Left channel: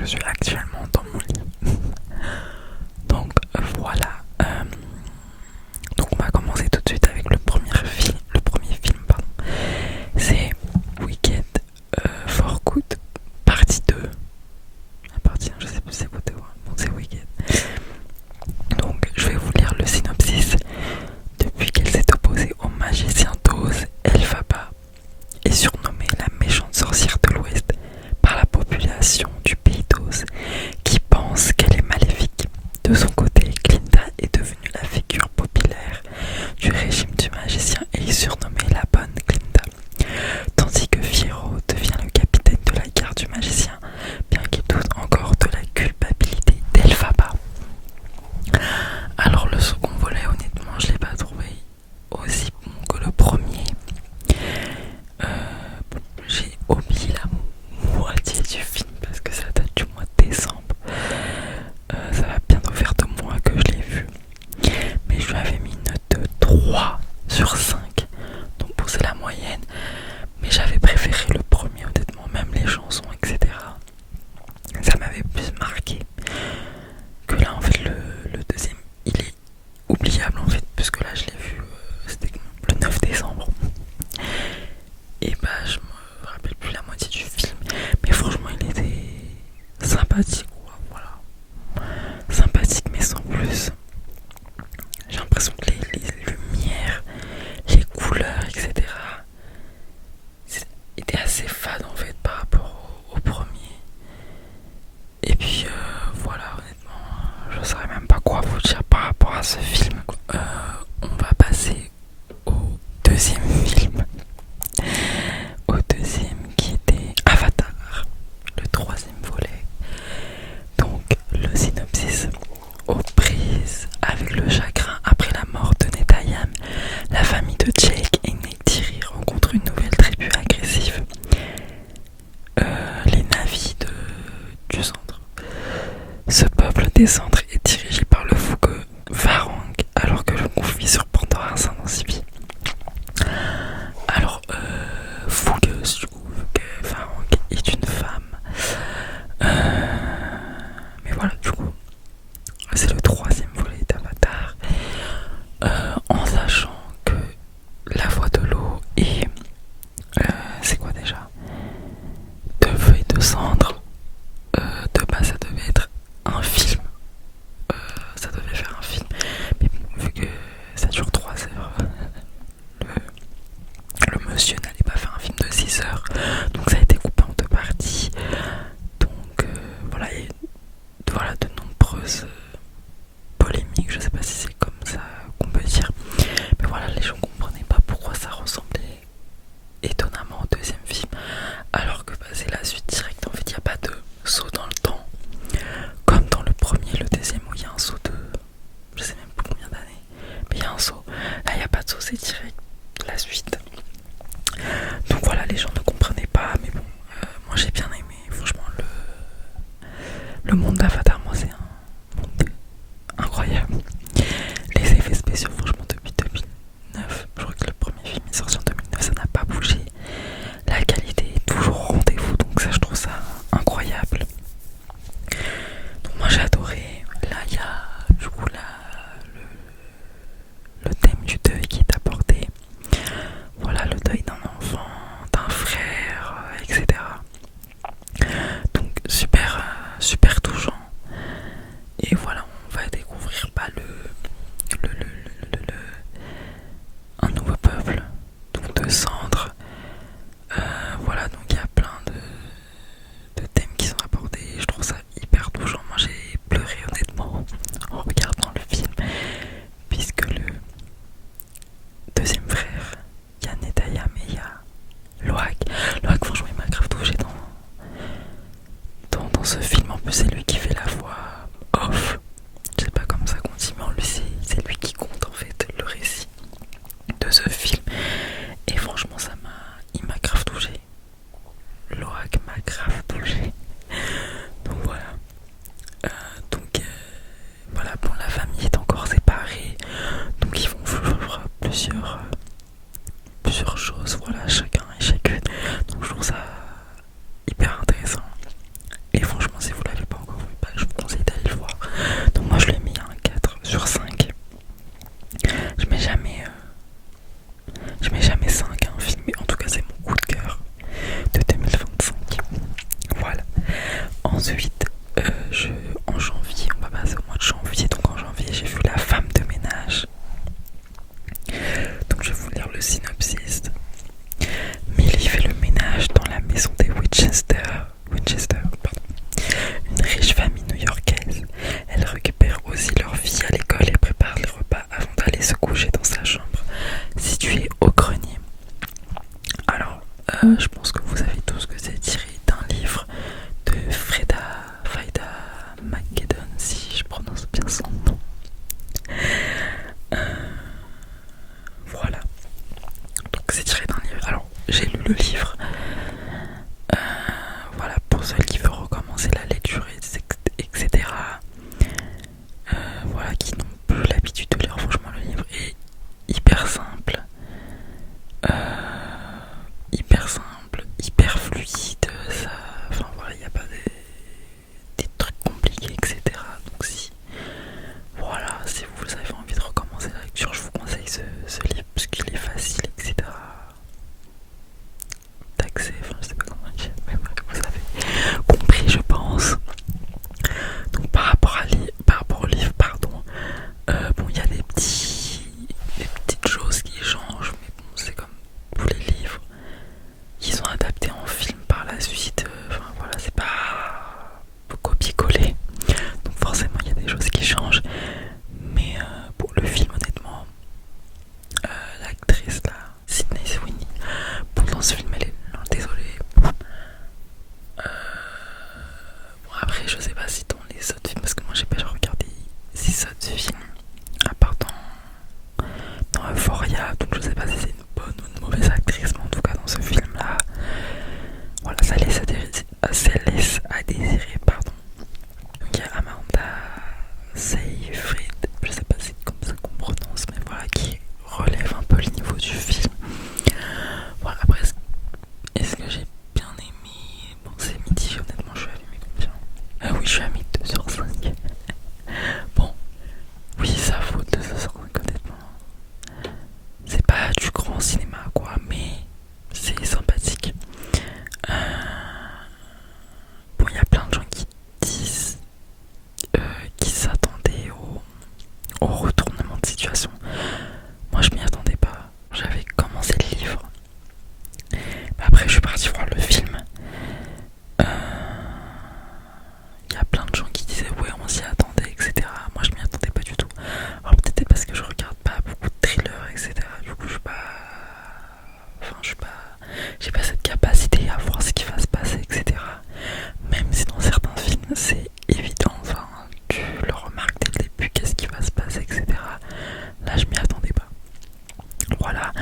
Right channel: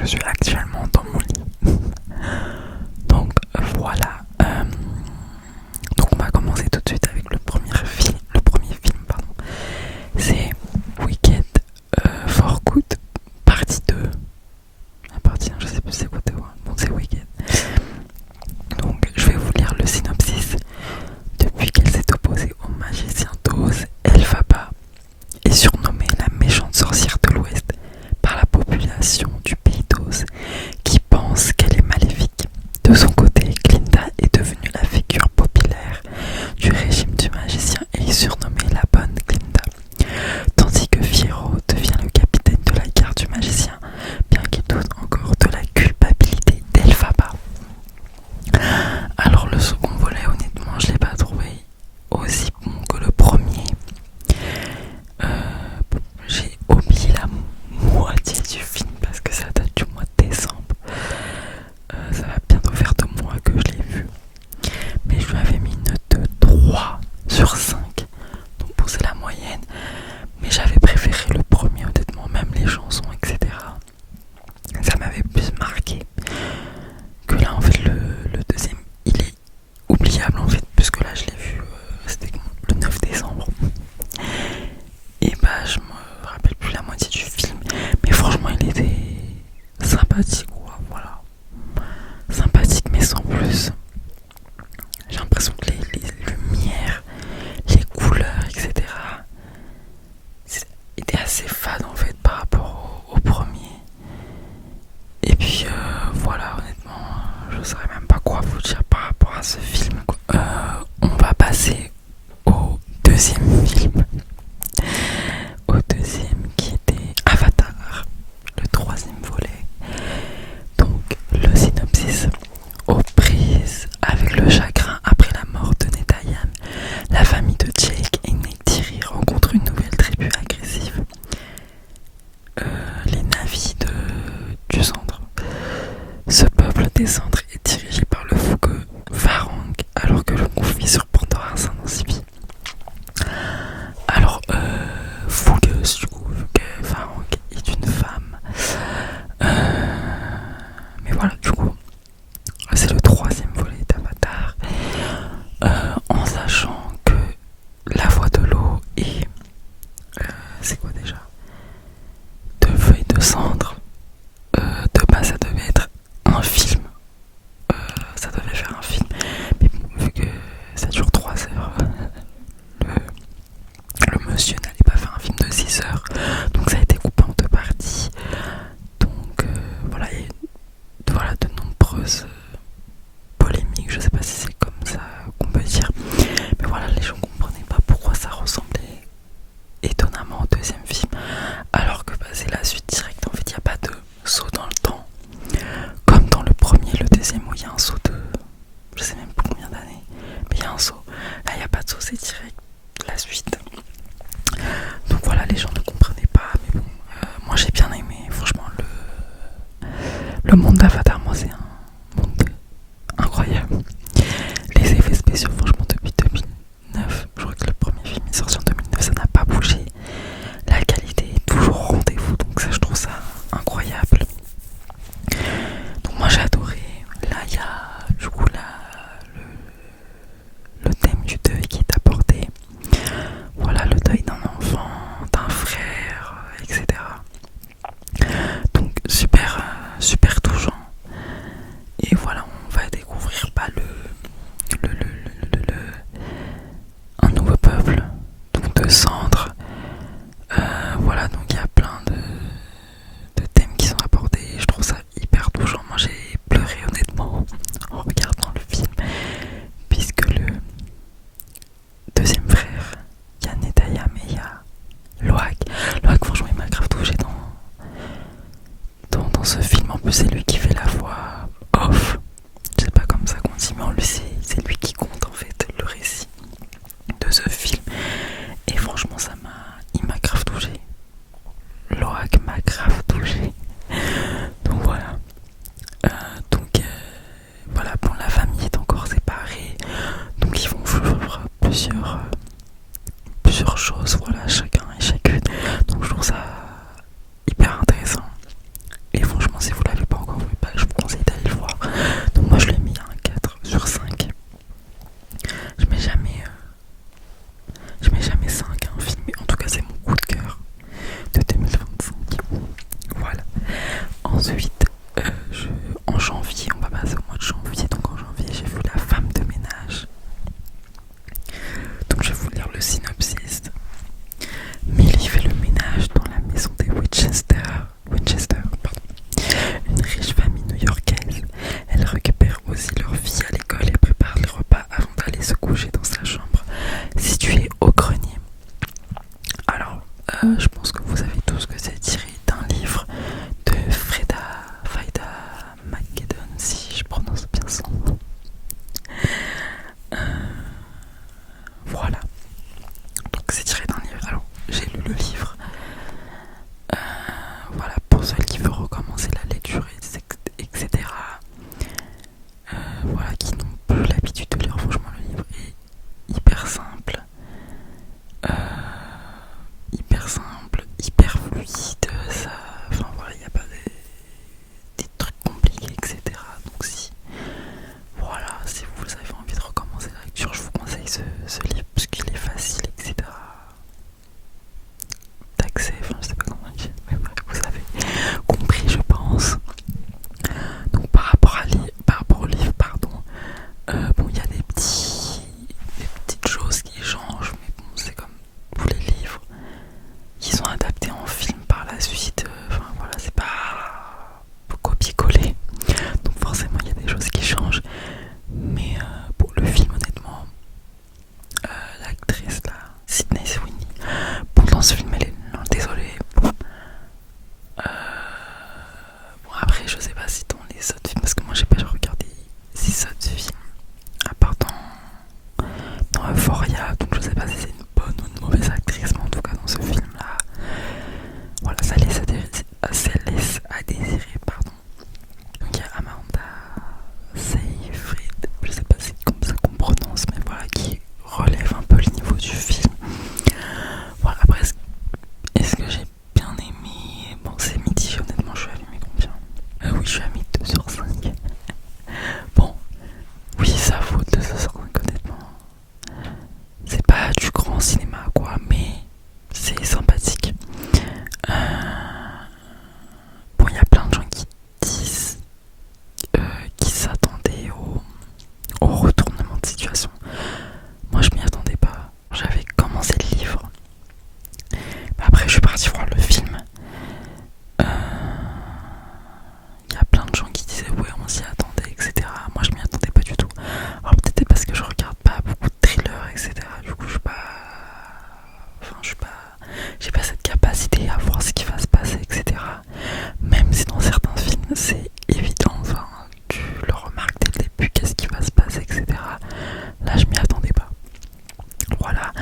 Je suis actuellement dans mon lit. Donc voilà. Donc on va commencer tout de suite avec le premier film. Pardon. C'est Wicked for Good, partie 2. La partie 1, je sais plus c'est quoi. Bon, c'est Wicked. Donc je vais vous lire le synopsis. Depuis qu'elle s'est opposée au magicien d'Oz, Elphaba est surnommée la méchante sorcière de l'Ouest par la population du pays d'Oz qui pense qu'elle est maléfique. De son côté, Glinda est devenue la figure populaire du régime du magicien et est surnommée la bonne Glinda, tandis que Fiero devient le capitaine de la garde du magicien, bien qu'il doute encore de la culpabilité d'Elphaba. Alors le second volet, honnêtement, je l'ai pas trouvé aussi bon que le premier. J'ai oublié la moitié du film parce que ça date du mois de décembre. Ça va bientôt faire 2 mois que je l'ai vu. Mais je lui avais mis une note de 3 sur 5. Donc bon, c'est la moyenne. Mais j'avais préféré le premier, honnêtement, même les chansons, etc. Ça m'avait plus marqué que là, en fait, le deuxième, il est oubliable, en fait, puisque là, je l'ai vu, c'était le 9 décembre. Et bah, je me rappelle plus la moitié du film. Mais franchement, il était sympathique, quoi, voilà. Sympathique, mais sans plus. J'ai l'impression que les lumières, les couleurs, etc. étaient assez fades en fait par rapport au premier. Et puis voilà, honnêtement, je saurais même pas quoi vous dire par rapport à ce film. On va passer au deuxième film. Au deuxième qui était Avatar, le troisième volet. Donc le synopsis. Aux prises avec le chagrin après la mort de Netayam, la famille de Jake et Neytiri rencontre une nouvelle tribu agressive, les Na'vi du centre. Ce peuple des centres est dirigé par le fougueux Varang, alors que le conflit sur Pandora s'intensifie. Alors, fougueuse du coup, vu que Varang est une femme. Mais voilà, du coup, c'est le troisième volet d'Avatar, en sachant que la voix de l'eau et c'est quoi déjà, de feu et de cendre, de base ça devait être un film, ça devait faire un film, mais bon, vu que ça dure 3 heures, le monsieur n'allait pas faire un film de 6 heures, donc ça a été coupé en 2 parties. Donc voilà, il y a voilà, de nombreuses polémiques, je sais pas si c'est comme ça qu'on peut dire, mais voilà, les gens comprenaient pas pourquoi ça ressemblait étonnamment au deuxième film, alors que bah, c'est la suite directe. En fait, il n'y a pas de saut dans le temps, comme dans le premier et le deuxième où il y a un saut de, je sais même plus combien d'années, mais il y a un saut. Là, il n'y a pas de saut, c'est direct la suite. Donc voilà, les gens ne comprenaient pas, mais bon, moi j'ai bien aimé, franchement, le monde d'Avatar, moi c'est un monde incroyable. Les effets spéciaux, franchement, depuis 2009, je crois que le premier film est sorti en 2009, ça n'a pas bougé. La qualité est toujours au rendez-vous, donc ça, je trouve ça incroyable. Donc moi j'ai adoré. Là, il y a du coup le thème du deuil qui est abordé. Voilà, le deuil d'un enfant, d'un frère, etc. Donc super touchant. Et voilà, on va découvrir pas un nouveau peuple, donc de cendres. Voilà, donc il y a plein de thèmes qui sont abordés. Je trouve ça hyper touchant. Moi j'ai pleuré honnêtement en regardant le film, puisque le deuxième frère, il y a Netayam et il y a Loak. Loak, franchement, il m'a grave touché dans ce film. En plus, c'est lui qui fait la voix off. Je sais pas comme ça qu'on dit, mais en lui, c'est lui qui compte en fait le récit de ce film. Et franchement, il m'a grave touché. Loak m'a grave touché. Donc voilà. Voilà, bon, la famille est encore séparée. Donc ils vont vivre plusieurs choses, voilà, chacun et chacune. Donc je trouve ça hyper intéressant. Et franchement, si vous l'avez Ensuite, en janvier, on va passer au mois de janvier, donc en janvier j'ai vu La femme de ménage. Donc je vais vous lire le synopsis. Millie fait le ménage dans la maison des Winchester, une riche famille new-yorkaise. Elle récupère aussi leur fille à l'école et prépare les repas avant d'aller se coucher dans sa chambre, située au grenier. Alors, je pense que vous savez tous que c'est tiré d'un livre de Faida McGeddon, si je prononce bien son nom. Voilà. Donc c'est tiré d'un livre. Alors, j'ai lu le livre. Voilà, pour ceux qui veulent recommencer la lecture, etc. Voilà, qui n'ont plus l'habitude de lire, franchement, le livre est hyper simple. Hyper fluide, ça, enfin voilà, il n'y a pas des trucs compliqués, etc. Donc voilà, si vous avez envie de recommencer la lecture, je vous conseille ce livre parce qu'il est facile, etc. D'accès, enfin je sais pas comment dire, mais bref, vous avez compris, je pense. Donc par rapport au livre, pardon, bon, il y a des petites choses qui changent, mais bon, c'est comme tous les livres. Ils sont adaptés en film par la suite, enfin voilà, c'est pas copier-coller, donc forcément il y a des choses qui changent, mais pour le film, honnêtement, l'actrice là, Sydney Sweeney, bon, dans ce film elle est, non, désolée, bon, après je sais pas si dans les autres films, parce que moi j'ai pas regardé 6 autres films, à part dans Euphoria, donc je sais pas si c'est une bonne ou une mauvaise actrice, mais en tout cas dans ce film là, voilà, ça laisse à désirer, pardon. Donc il y a Amanda Seyfried, je sais pas si c'est comme ça qu'on prononce, mais voilà, qui relève un peu le niveau du film. Voilà, après, est-ce que j'ai bien aimé? Bon, c'est midi, honnêtement, je suis allumé combien? Oui, je suis à 2/5. Bon, oui, ça vaut 2/5, honnêtement. C'est pas du grand cinéma, quoi, mais c'est sympathique. Bon, il y a plein de gens qui disent qui s'attendaient au retournement de situation. Moi, je m'y attendais pas. J'avais commencé le livre. Après, je suis partie voir le film. Il y a plein de gens qui disaient ouais, on s'y attendait, etc. Moi, je m'y attendais pas du tout. Alors peut-être parce que je regarde pas beaucoup de thrillers, etc. Du coup, j'ai pas cette capacité à voir ce qui va se passer, etc. Même si dans certains films, c'est évident. Enfin, tu le remarques dès le début, qu'est-ce qui va se passer, etc. Là, je m'y attendais pas. Voilà.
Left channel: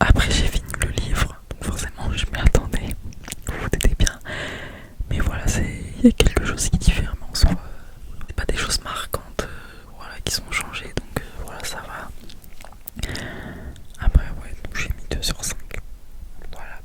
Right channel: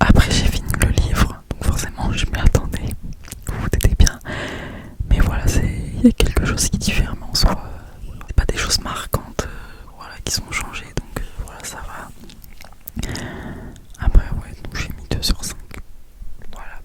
Après, j'ai fini le livre, donc forcément, je m'y attendais. Vous vous doutez bien. Mais voilà, il y a quelque chose qui diffère, mais en soi, c'est pas des choses marquantes, voilà, qui sont changées, donc voilà, ça va. Après, ouais, donc j'ai mis 2/5. Voilà,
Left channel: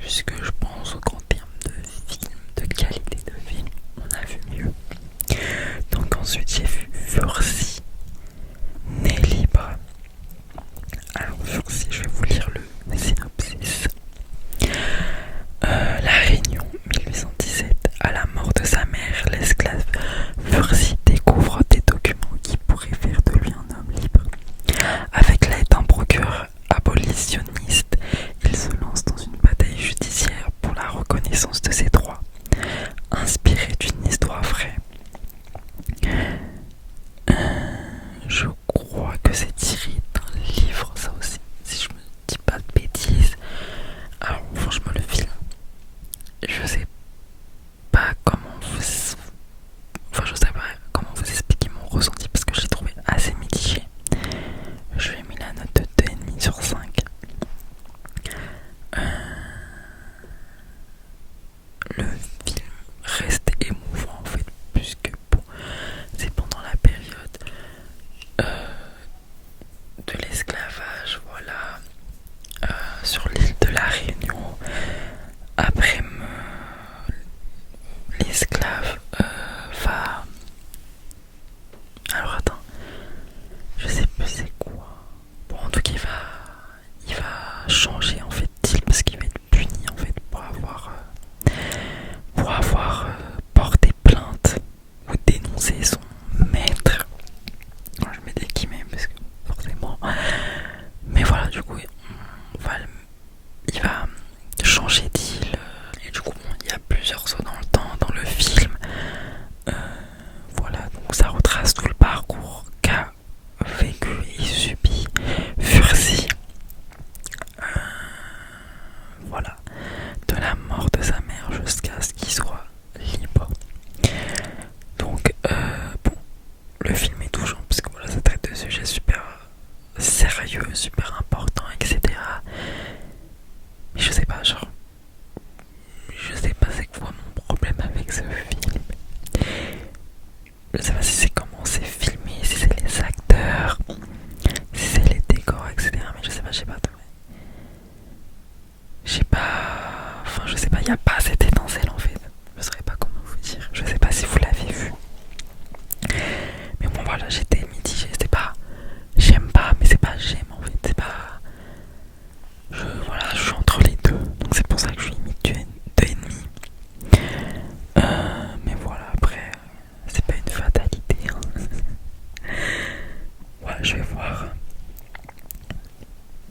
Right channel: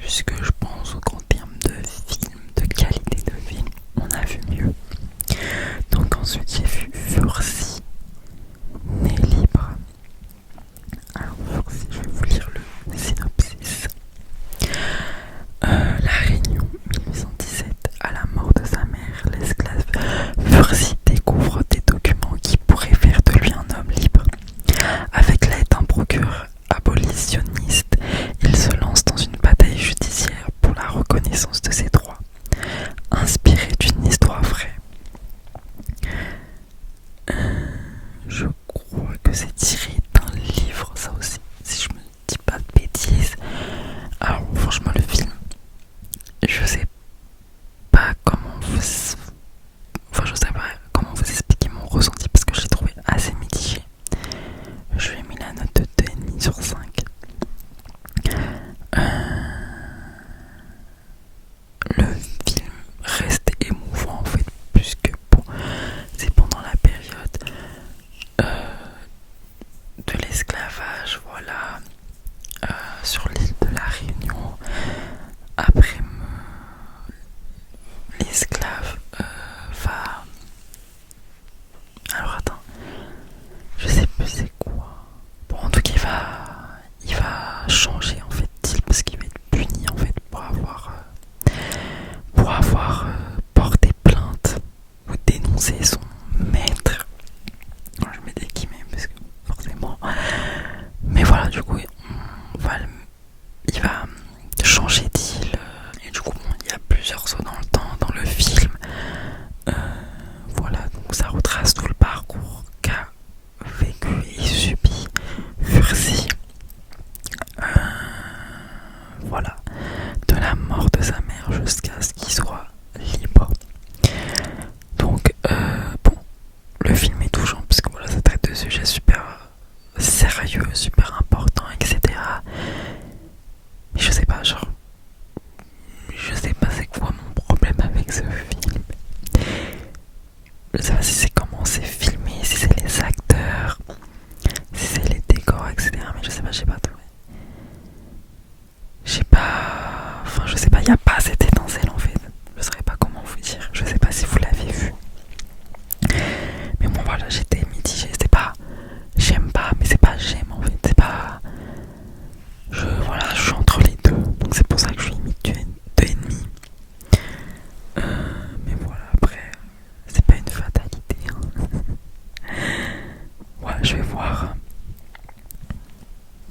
puisque je pense qu'en termes de film, de qualité de film, on a vu mieux. Donc ensuite, j'ai vu Fursi, Né libre. Alors Fursi, je vais vous lire le synopsis. La Réunion, 1817, à la mort de sa mère, l'esclave Fursi découvre des documents qui pourraient faire de lui un homme libre. Avec l'aide d'un procureur abolitionniste, il se lance dans une bataille judiciaire sais pas si c'est comment c'est filmé, si c'est les acteurs, si c'est les décors, etc. Mais je sais pas, j'ai pas trouvé. Enfin je sais pas, il y a pas cette étincelle en fait. Je saurais pas comment vous dire, je sais pas si vous l'avez vu. Mais bon voilà, j'étais mitigée, c'est pas j'aime pas, mais c'est pas j'aime en fait, c'est pas... Voilà, je suis entre les deux, donc c'est pour ça que je suis limite 2,5. Mais voilà, après, c'est pas une fatalité. Hein. Ouais, je vais voir.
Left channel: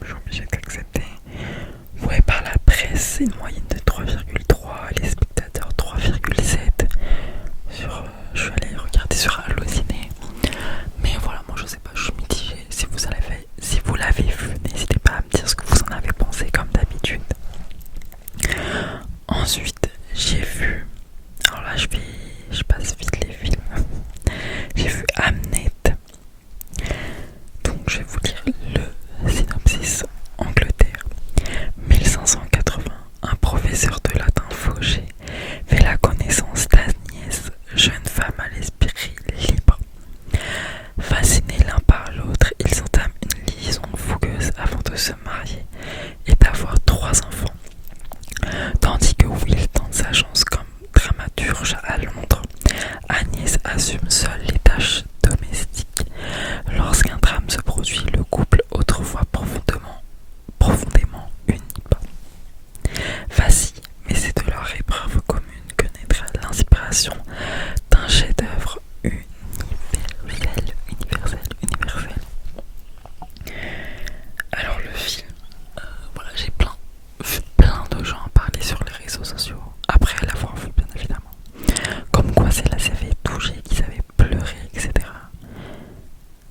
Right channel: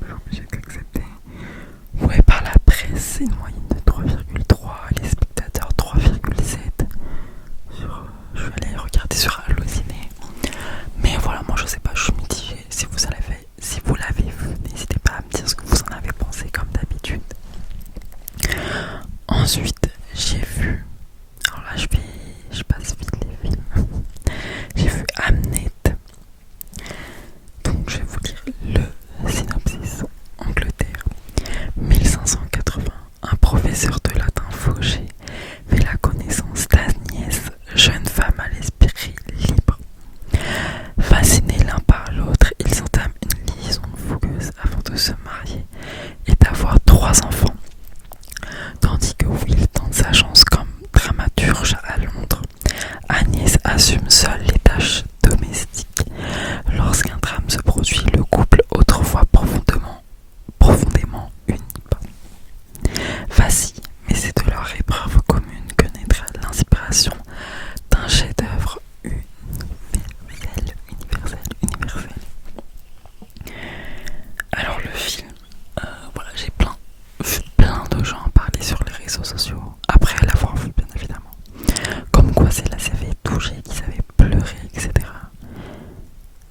Je suis obligé d'accepter. Ouais, par la presse, c'est une moyenne de 3,3, les spectateurs 3,7. Je suis allé regarder sur Allociné. Mais voilà, moi je sais pas, je suis mitigée. Si vous l'avez vu, n'hésitez pas à me dire ce que vous en avez pensé comme d'habitude. Ensuite, j'ai vu... Alors là, je passe vite les films. J'ai vu Hamnet. Donc je vais vous lire le synopsis. Angleterre, 1580. Un professeur de latin fauché fait la connaissance d'Agnès, jeune femme à l'esprit libre. Fascinés l'un par l'autre, ils entament une liaison fougueuse avant de se marier et d'avoir 3 enfants. Tandis que Will tente sa chance comme dramaturge à Londres, Agnès assume seule les tâches domestiques. Lorsqu'un drame se produit, le couple, autrefois profondément uni, vacille, mais c'est de leur épreuve commune que naîtra l'inspiration d'un chef-d'œuvre universel. Alors le film, voilà, j'ai vu plein de gens en parler sur les réseaux sociaux, après l'avoir vu bien évidemment, comme quoi celle-là s'avait touché, qu'ils avaient pleuré, etc.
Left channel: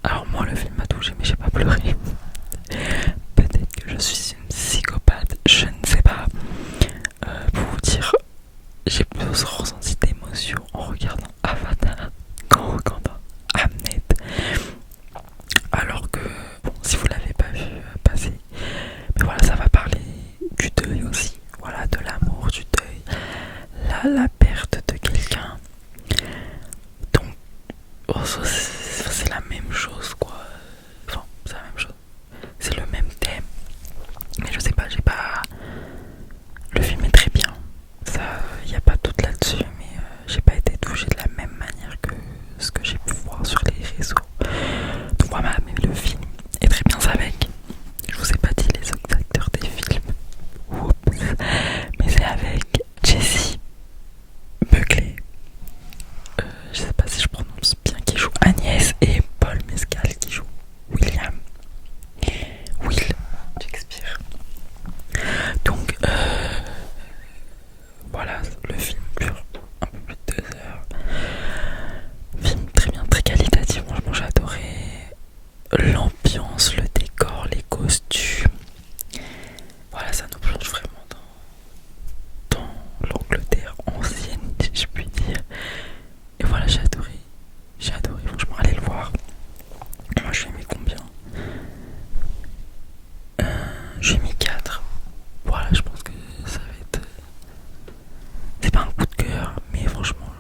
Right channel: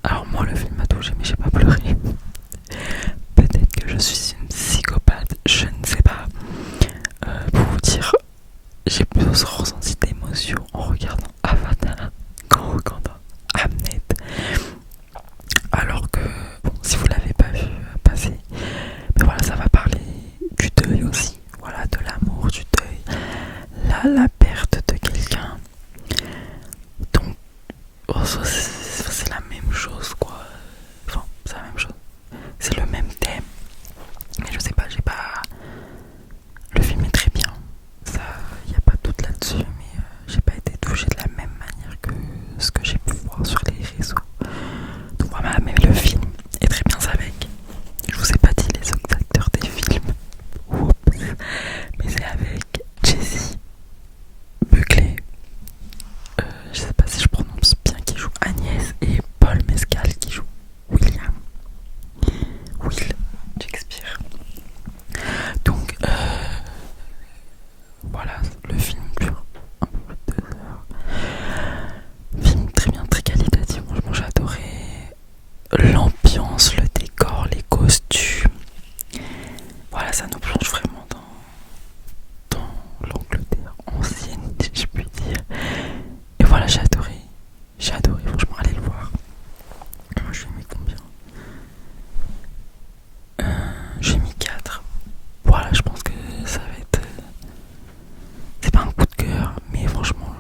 Alors moi le film m'a touché mais j'ai pas pleuré. Peut-être que je suis une psychopathe, je ne sais pas. Pour vous dire, j'ai plus ressenti d'émotion en regardant Avatar qu'en regardant Hamnet. Alors que, bon, si vous l'avez pas vu passer, mais voilà, ça va parler du deuil aussi, voilà, de l'amour, du deuil, la perte de quelqu'un. Donc, c'est la même chose, quoi. Enfin, c'est la même chose. C'est le même thème. Mais je sais pas, j'ai pas... Le film est très bien. Ça, y a pas de doute là-dessus, mais j'ai pas été touchée de la même manière que ce que j'ai pu voir sur les réseaux. Donc voilà, mais le film est très bien avec. Je vous ai pas dit les autres acteurs des films. Oups. Mais c'est avec Jessie Buckley. Je sais pas si je prononce bien, qui joue Agnès, et Paul Mescal qui joue Will Shakespeare. Donc voilà, le film dure un peu plus de 2 heures. Film très bien, très qualitatif. Franchement, j'ai adoré l'ambiance, le décor, les costumes. Voilà, ça nous plonge vraiment dans l'Angleterre ancienne, si je puis dire. Et voilà, j'ai adoré. Franchement, allez le voir. Moi, je lui ai mis combien? J'ai mis 4. Voilà, je pense que ça va être... C'est pas un coup de cœur, mais franchement,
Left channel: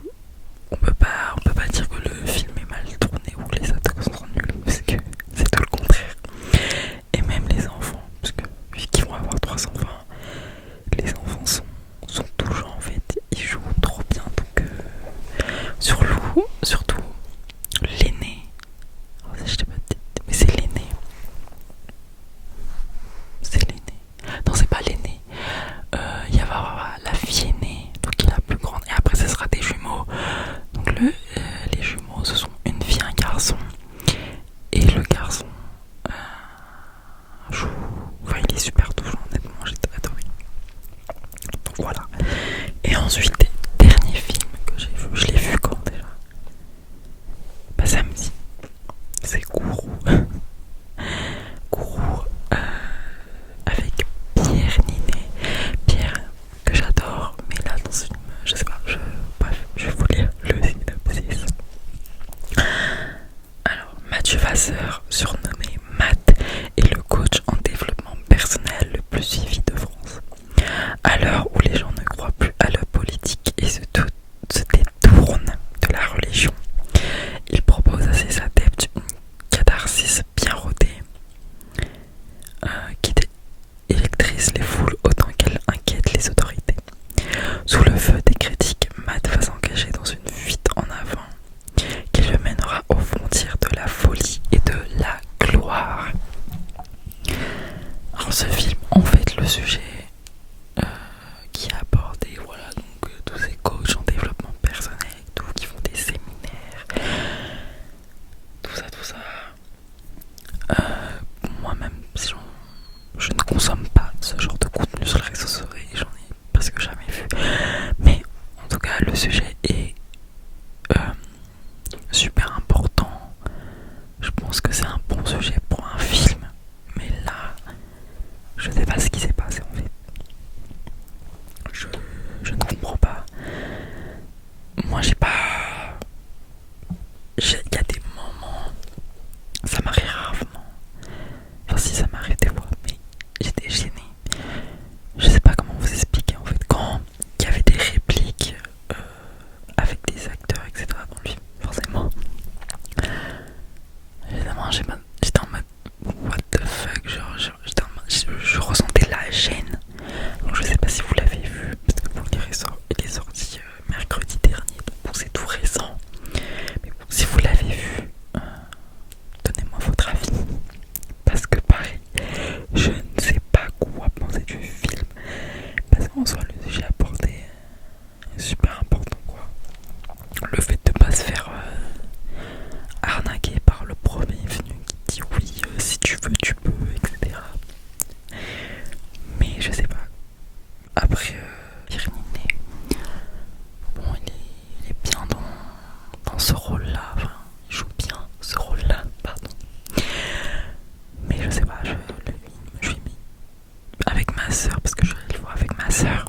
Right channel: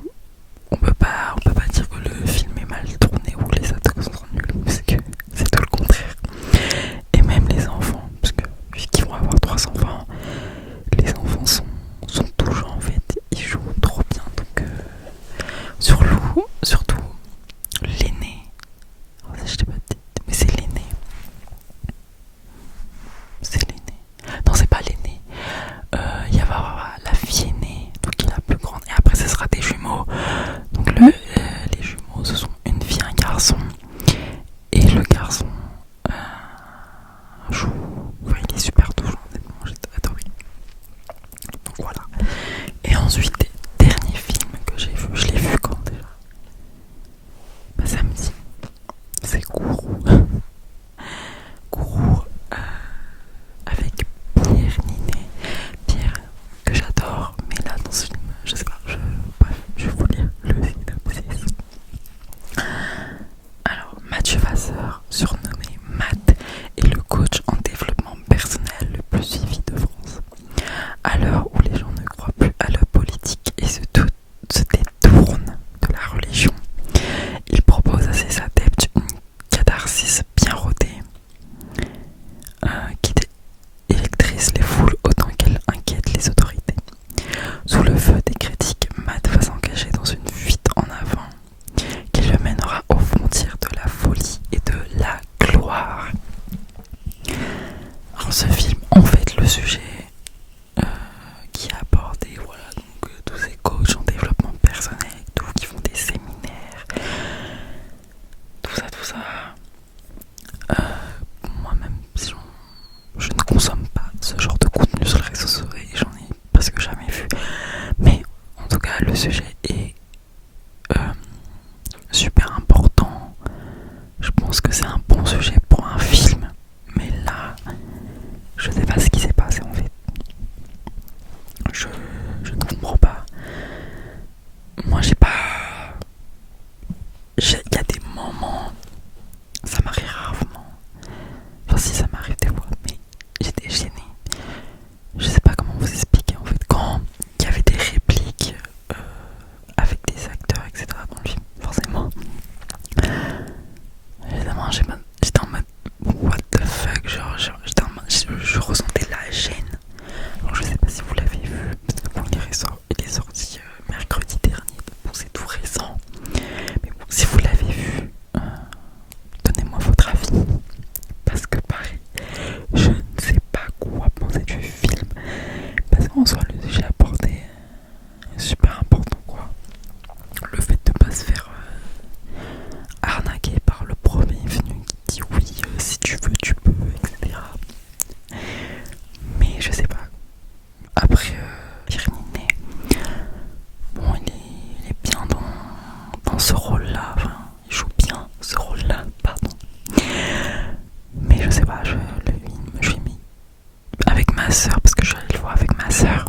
on peut pas dire que le film est mal tourné ou que les acteurs sont nuls, parce que c'est tout le contraire. Et même les enfants, parce que puisqu'ils vont avoir 3 enfants, les enfants sont touchants en fait, ils jouent trop bien. Donc surtout l'aîné, alors ça je t'ai pas dit, mais c'est l'aîné. Non, c'est pas l'aîné. Il va y avoir la fille aînée, donc qui est la plus grande, et après ce sera des jumeaux. Donc les jumeaux, ce sont une fille et un garçon, et le garçon joue, enfin, il est super touchant, honnêtement, j'ai adoré. Donc voilà. Et ensuite, dernier film que j'ai vu, je l'ai vu quand déjà? Bah samedi. C'est Gourou. Gourou avec Pierre Ninet. Pierre que j'adore, mais là dans ce film, je sais pas, bref, je vais vous lire le synopsis. Alors, Mathieu Vasseur, surnommé Matt, est le coach en développement personnel le plus suivi de France. À l'heure où les gens ne croient plus à la politique et se détournent de la religion, pense que c'est un bon sujet pour un film. Mais là, je sais pas ce qui s'est passé en fait. Je ne comprends pas. Moi j'ai pas... Il y a des moments, ça m'arrive rarement. Enfin si, ça m'arrive des fois, mais j'étais gênée. Je sais pas comment vous expliquer en fait. Quand il y avait des répliques avec des acteurs, etc. dans le film, forcément. Évidemment, j'étais en mode what the fuck, j'étais en mode, je ressentais la gêne. Alors, je sais pas si vous l'avez vu, parce que bon, il est sorti mercredi dernier, donc c'est tout récent. Mais bon, si vous l'avez vu, donnez-moi votre avis. Parce que pareil, je ne sais pas quoi penser du film. Parce qu'en soi, le sujet abordé est super important, quoi. Le fait de pas se faire arnaquer par le premier venu qui dit oui, si tu veux, tu peux, etc. Mais je sais pas. Après, Irénée, bon, il est bien dans ce rôle-là. Enfin, il joue bien ce rôle-là, pardon. Mais je sais pas, je l'ai mis avec ma soeur, parce que je suis allée le voir avec ma soeur.